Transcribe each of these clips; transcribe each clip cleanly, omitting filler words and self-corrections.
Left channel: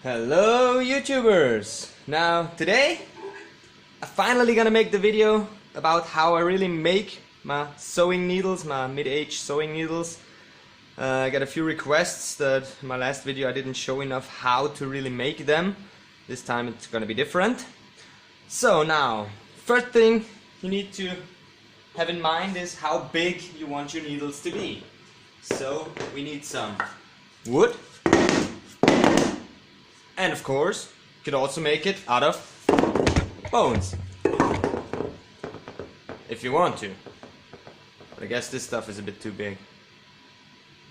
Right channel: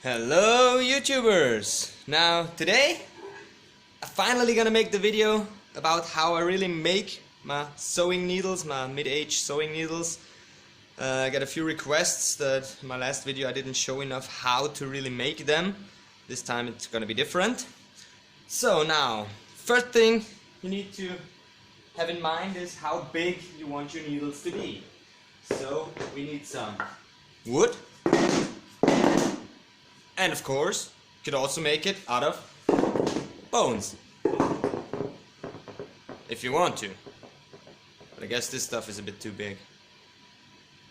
Hello YouTubers! Now today I'm finally gonna make the video about how I really make my sewing needles, my mid-age sewing needles. I got a few requests that in my last video I didn't show enough how to really make them. This time it's gonna be different. So now, first thing you need to have in mind is how big you want your needles to be. So we need some wood. And of course, you could also make it out of bones, if you want to. But I guess this stuff is a bit too big.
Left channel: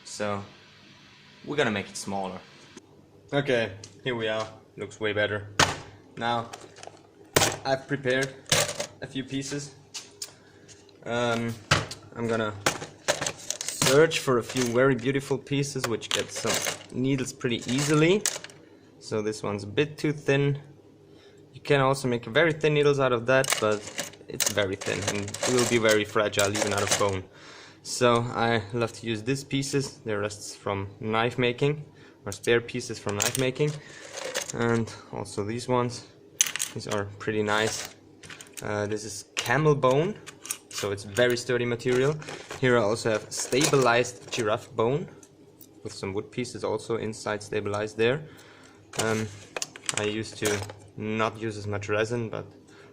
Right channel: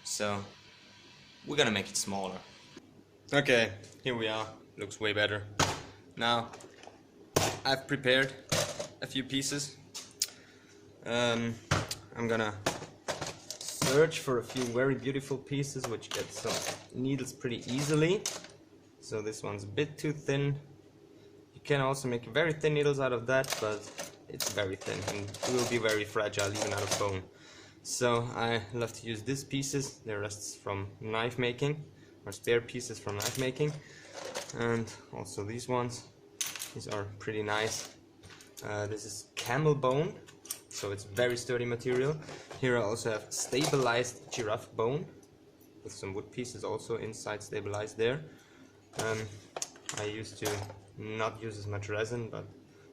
So, we're gonna make it smaller. Okay, here we are. Looks way better. Now, I've prepared a few pieces. I'm gonna search for a few very beautiful pieces which get some needles pretty easily. So this one's a bit too thin. You can also make very thin needles out of that, but it's very thin and it will be very fragile even out of bone. So I love to use these pieces. They're rests from knife making, or spare pieces from knife making. And also these ones. These are pretty nice. This is camel bone, so it's very sturdy material. Here I also have stabilized giraffe bone, with some wood pieces also inside stabilized there. I used to not use as much resin, but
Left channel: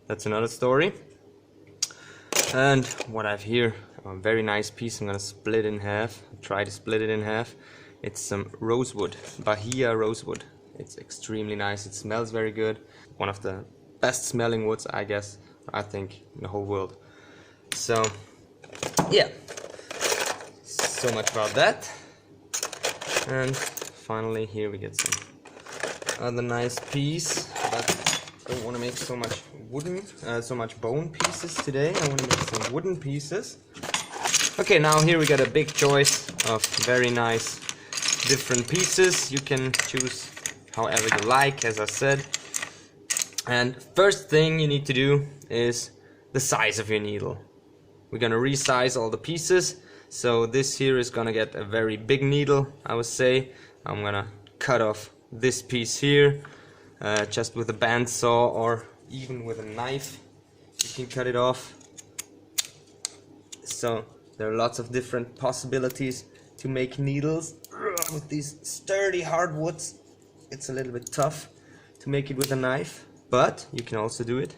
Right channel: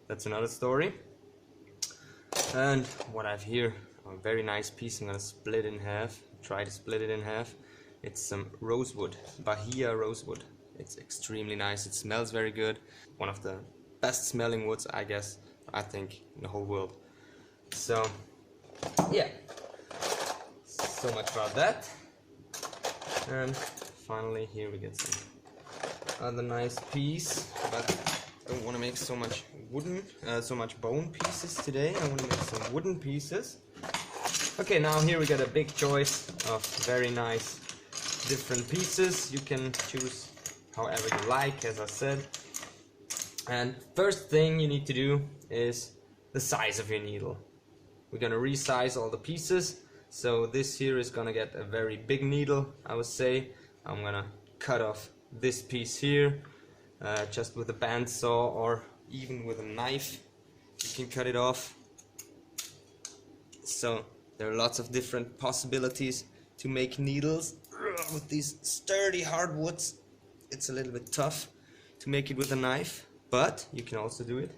that's another story. And what I have here, a very nice piece. I'm gonna split in half, try to split it in half. It's some rosewood, Bahia rosewood. It's extremely nice, it smells very good. One of the best smelling woods, I guess, I think, in the whole world. So, yeah, so much about that. And finally here we get some other nice piece, but I don't want to make so much so much bone pieces today. I want to make some wooden pieces. Okay, now here we got a big choice of very nice different pieces. You can choose however you like, as I said. And first thing you need to do is the size of your needle. We're gonna resize all the pieces. So this here is gonna get a very big needle, I would say. I'm gonna cut off this piece here, just with a bandsaw or even with a knife you can cut it off. So there are lots of different possibilities to make needles with these sturdy hardwoods. It's a little bit tough to make it with a knife, but you can also do it.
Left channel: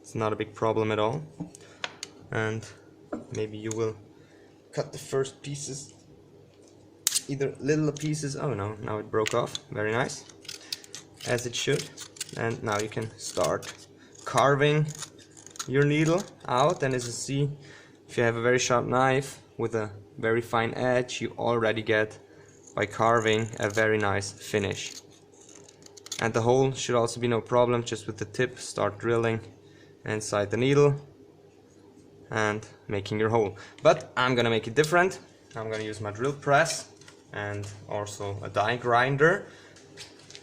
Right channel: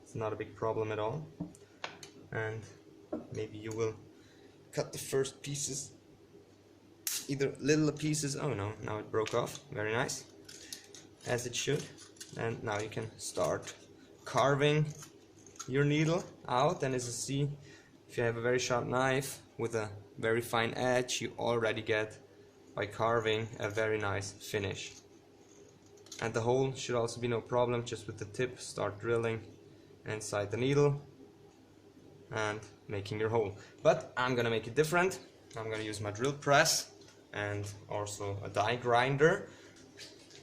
It's not a big problem at all. And maybe you will cut the first pieces, either little pieces. Oh no, now it broke off. Very nice, as it should. And now you can start carving your needle out. And as you see, if you have a very sharp knife with a very fine edge, you already get, by carving, a very nice finish. And the hole should also be no problem. Just with the tip, start drilling inside the needle and making your hole. But I'm gonna make it different. I'm gonna use my drill press and also a die grinder.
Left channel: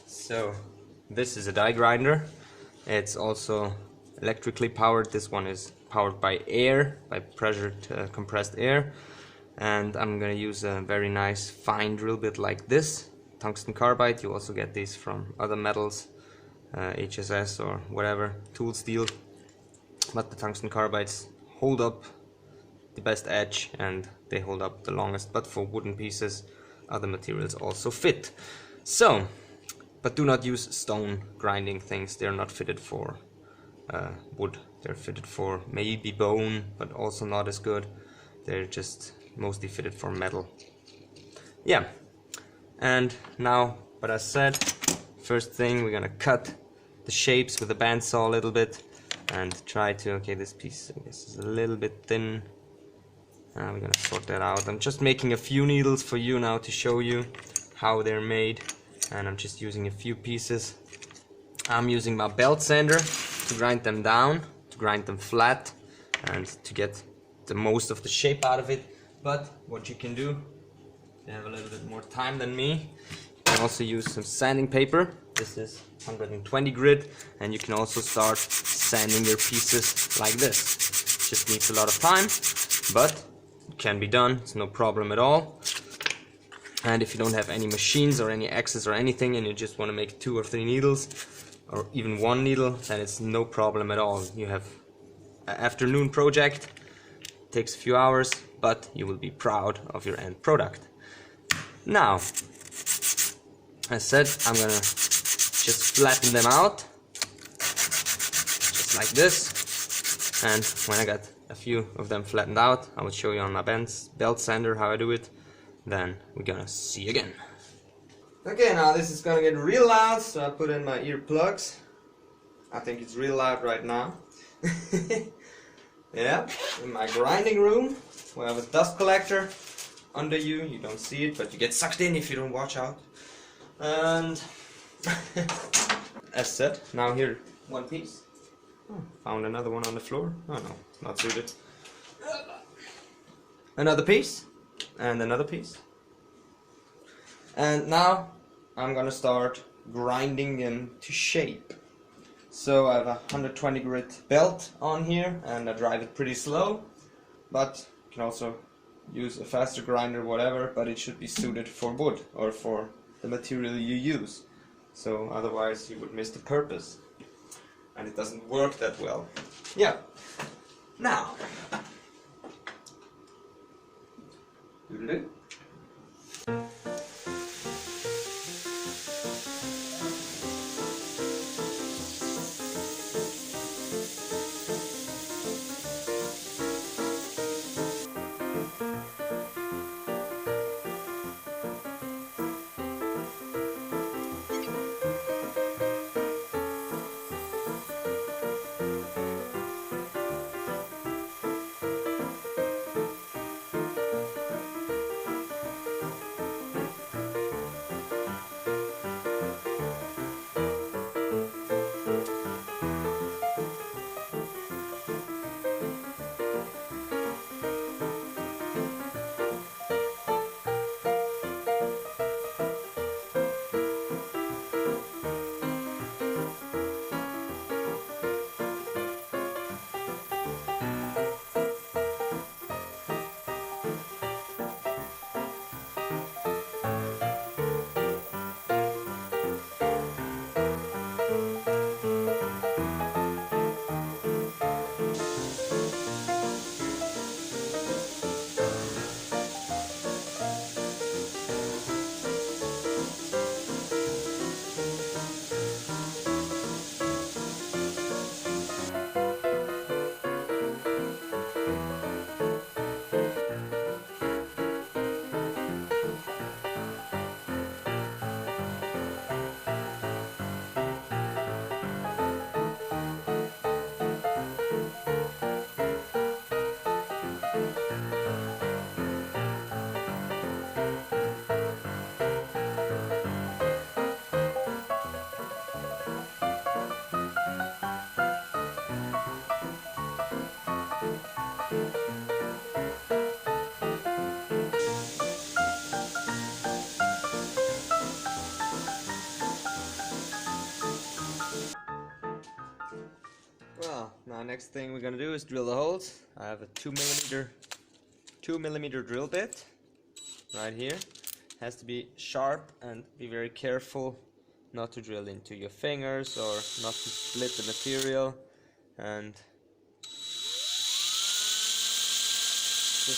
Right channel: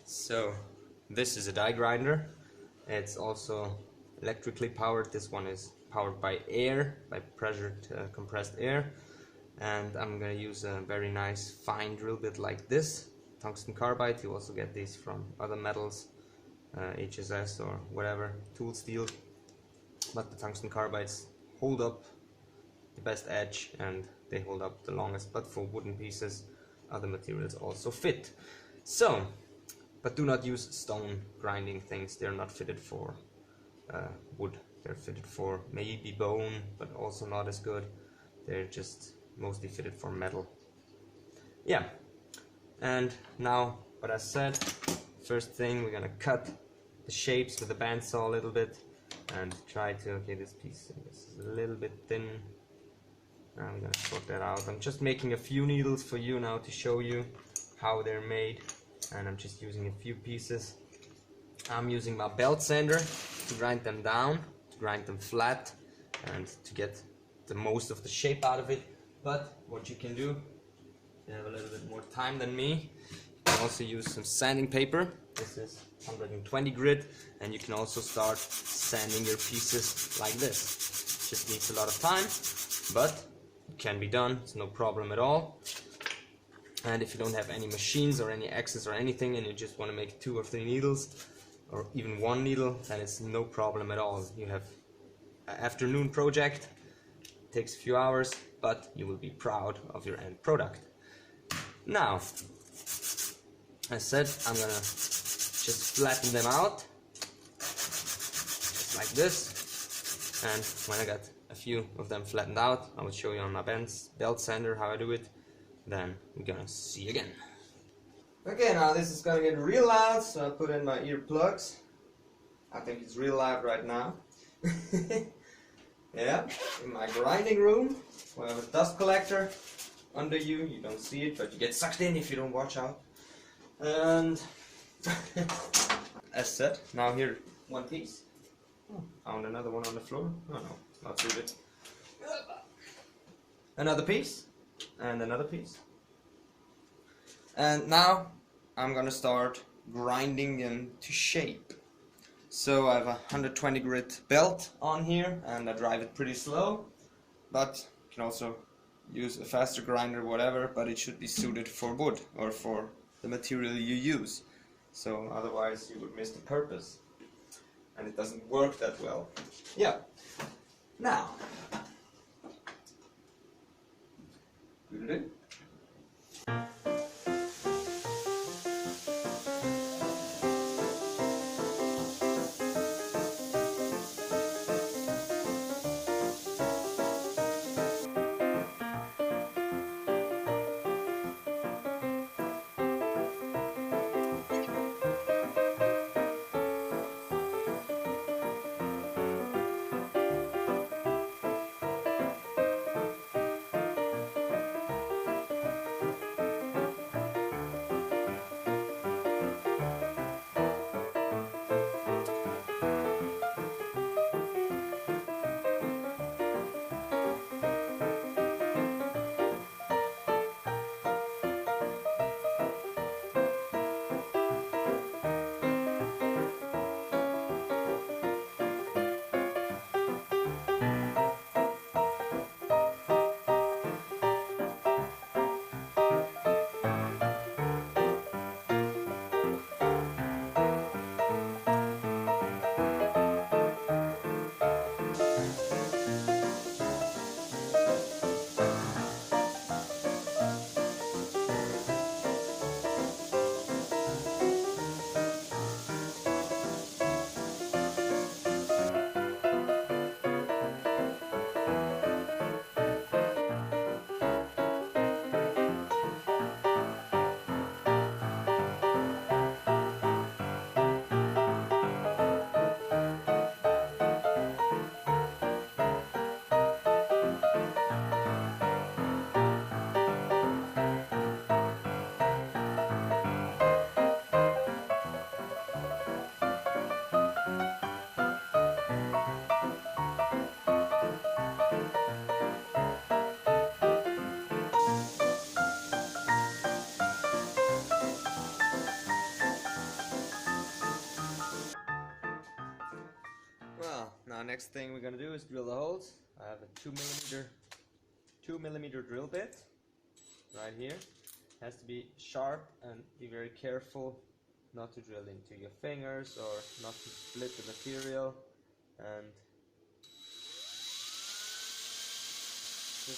So this is a die grinder. It's also electrically powered. This one is powered by air, by pressured compressed air. And I'm gonna use a very nice fine drill bit like this, tungsten carbide. You also get these from other metals, HSS or whatever, tool steel. But the tungsten carbides hold up the best edge and they hold up the longest. But for wooden pieces, other materials also fit. So, but do not use stone grinding things. They're not fitted for wood. They're fitted for maybe bone, but also not as good. They're just mostly fitted for metal. Yeah, and now what I said, first thing we're gonna cut the shapes with a bandsaw a little bit and try to, okay, this piece I guess is a little bit thin. We're gonna sort that out. I'm just making a few needles for you now to show you how they're made, and I'm just using a few pieces. I'm using my belt sander to grind them down, to grind them flat, and to get the most of the shape out of it. But what you can do, if you have a little bit more time than me, you can also use some sanding paper. This is 120 grit, and you can also start sanding your pieces like this. Just needs a lot of time, but it can be done. It's no problem at all. And if you don't have any machines or any axes or anything, and you just want to make 2 or 3 needles, or even 1 needle, then it's no problem at all. You have an afternoon project, takes a few hours, but you will be proud of your end product. Now, as said, I'm gonna just flatten them out, just like this. And when I got a few of them flattened out, I will show you on my belt sander how I do it. Then we're gonna see again. Okay, now this is gonna get real loud, so I put in my earplugs. I think it's real loud right now. Yeah, in my grinding room, where I have a dust collector under you. You don't see it, but you get sucked in if you don't watch out. And as said, now here, one piece. Oh, found another one on the floor. Oh no, not suited. Another piece. And another piece. And now I'm gonna start grinding them to shape. So I have a 120 grit belt on here, and I drive it pretty slow, but you can also use a faster grinder, whatever, but it should be suited for wood or for the material you use. So otherwise you would miss the purpose, and it doesn't work that well. Yeah. Now. Doodle-doo. Well, now next thing we're gonna do is drill the holes. I have a 2 millimeter drill bit right here. Has to be sharp, and be very careful not to drill into your fingers or not to split the material. And just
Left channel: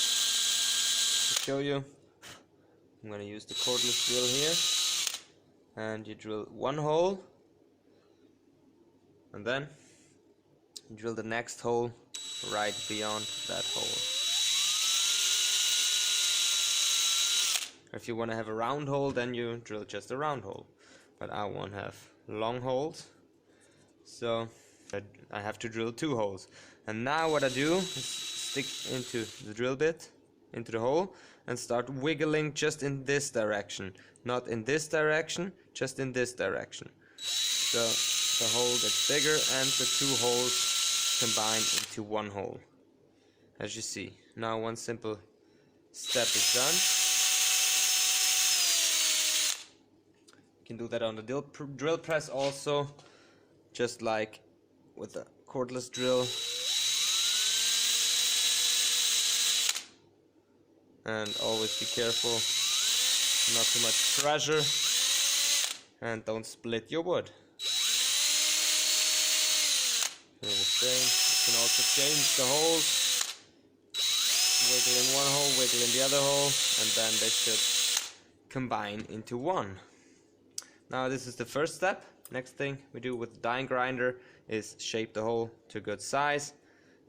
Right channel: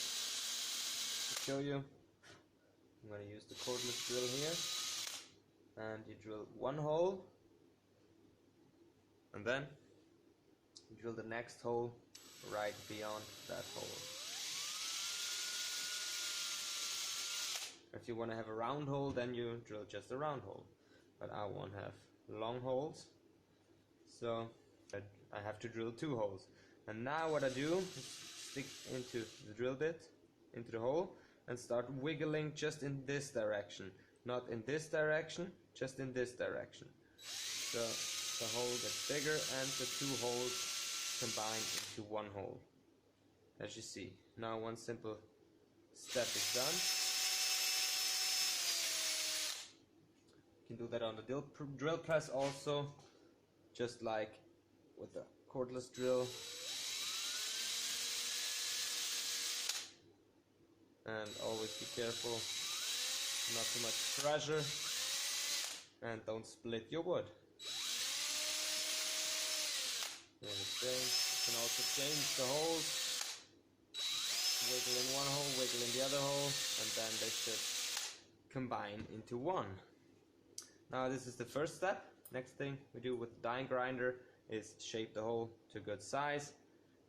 to show you, I'm gonna use the cordless drill here, and you drill one hole, and then drill the next hole right beyond that hole. If you want to have a round hole, then you drill just a round hole. But I want to have long holes, so I have to drill 2 holes. And now what I do is stick into the drill bit, into the hole, and start wiggling just in this direction. Not in this direction, just in this direction. So the hole gets bigger and the 2 holes combine into 1 hole, as you see. Now one simple step is done. You can do that on the drill press also, just like with the cordless drill. And always be careful not too much pressure, and don't split your wood. Do the same. You can also change the holes, wiggle in one hole, wiggle in the other hole, and then they should combine into one. Now this is the first step. Next thing we do with the die grinder is shape the hole to a good size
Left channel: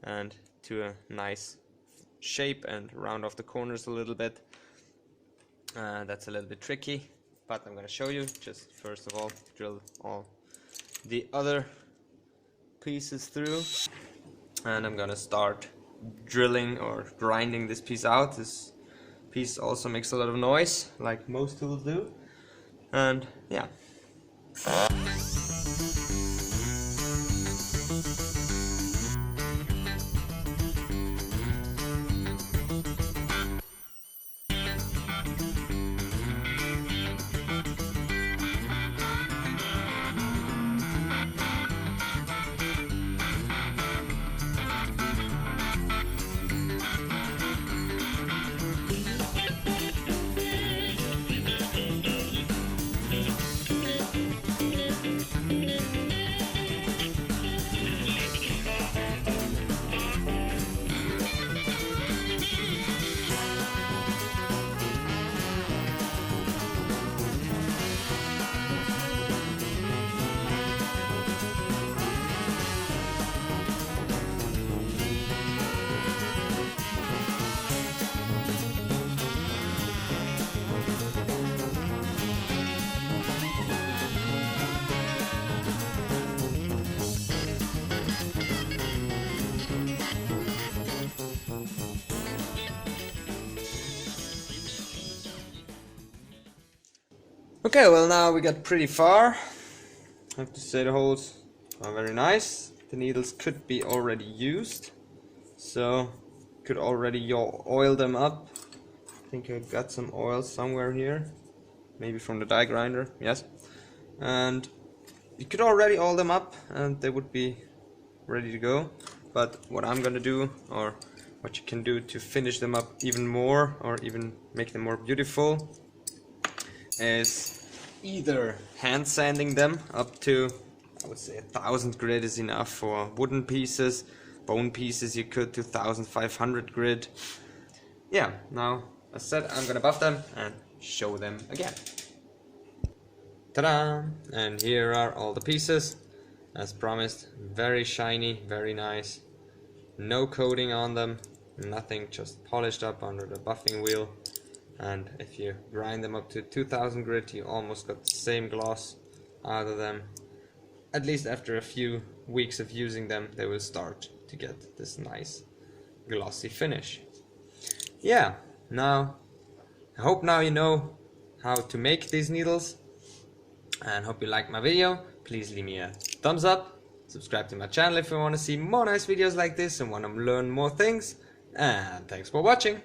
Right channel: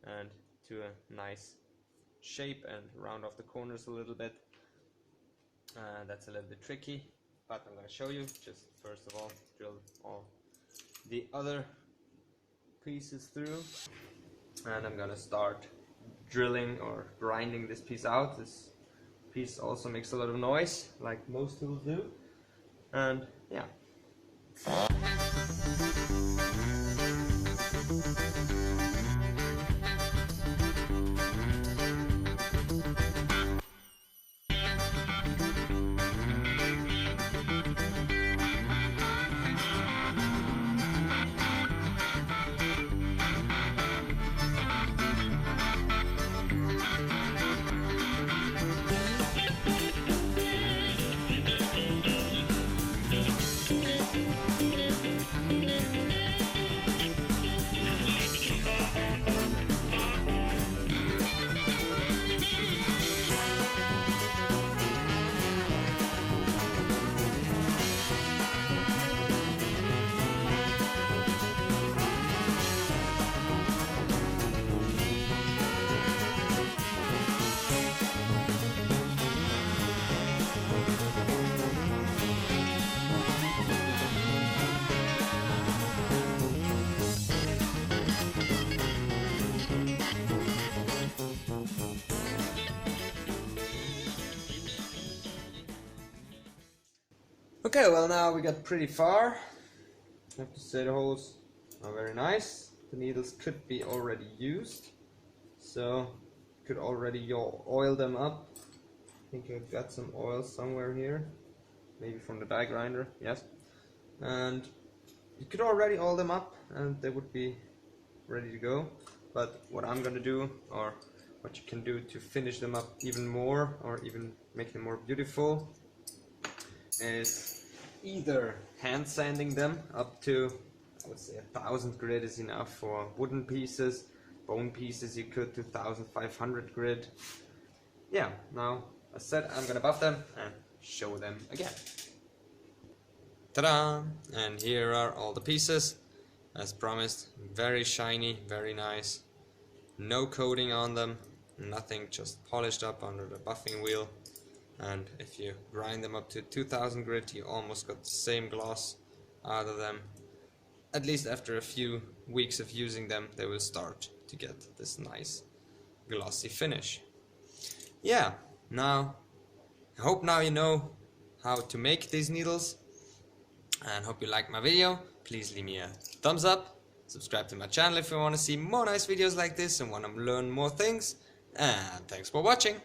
and to a nice shape and round off the corners a little bit. That's a little bit tricky, but I'm going to show you. Just first of all, drill all the other pieces through, and I'm going to start drilling or grinding this piece out. This piece also makes a lot of noise, like most tools do, and yeah. Okay, well now we got pretty far. I have to say the holes are very nice. The needles could be already used, so could already oil them up. I think I got some oil somewhere here, maybe from the die grinder, yes. And you could already oil them up and they would be ready to go. But what I'm gonna do, or what you can do to finish them up even more, or even make them more beautiful, is either hand sanding them up to, I would say 1000 grit is enough for wooden pieces. Bone pieces you could to 1500 grit. Yeah, now as said, I'm gonna buff them and show them again. Ta-da! And here are all the pieces. As promised, very shiny, very nice. No coating on them, nothing, just polished up under the buffing wheel. And if you grind them up to 2000 grit, you almost got the same gloss out of them. At least after a few weeks of using them, they will start to get this nice glossy finish. Yeah, now I hope now you know how to make these needles, and hope you like my video. Please leave me a thumbs up, subscribe to my channel if you want to see more nice videos like this and want to learn more things, and thanks for watching.